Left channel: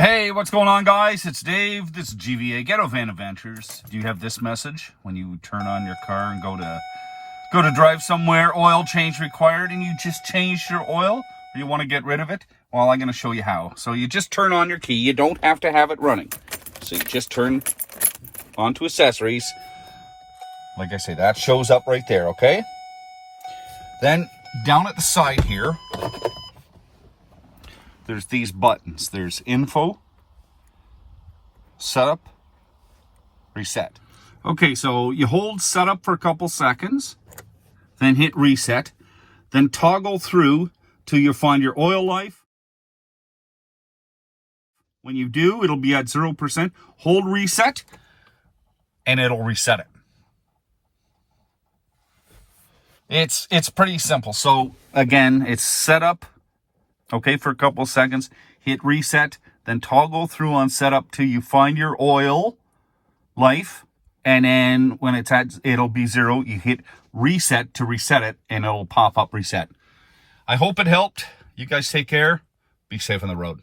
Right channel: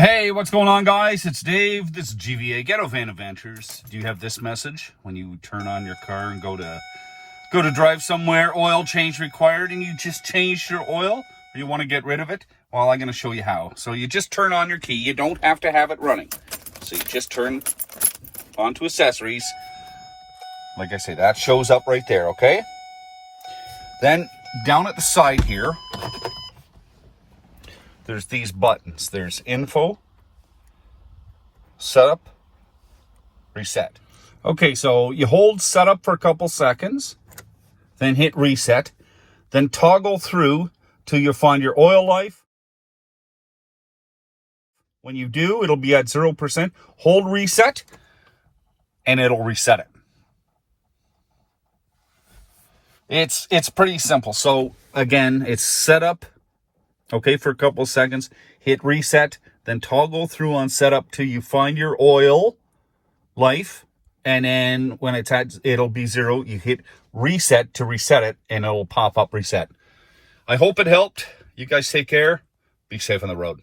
Hey, what's going on, guys? It's Dave. This is GVA, Ghetto Van Adventures. Do you have this message when you turn on your car and go to drive somewhere, oil change required, and you just changed your oil, or you want to get rid of it? Well, I'm going to show you how. So you just turn on your key. You don't have to have it running. So you just turn onto accessories. Like I say, that shows up right there, okay? Then down at the side here, there's these buttons. There's info, setup, reset. Okay, so you hold setup for a couple seconds, then hit reset, then toggle through till you find your oil life. When you do, it'll be at 0%. Hold reset, and it'll reset it. It's pretty simple. So again, it's setup. Okay, for a couple of seconds, hit reset, then toggle through on setup till you find your oil life, and then when it's at, it'll be 0, you hit reset to reset it, and it'll pop up reset. I hope it helped. You guys take care. Be safe on the road.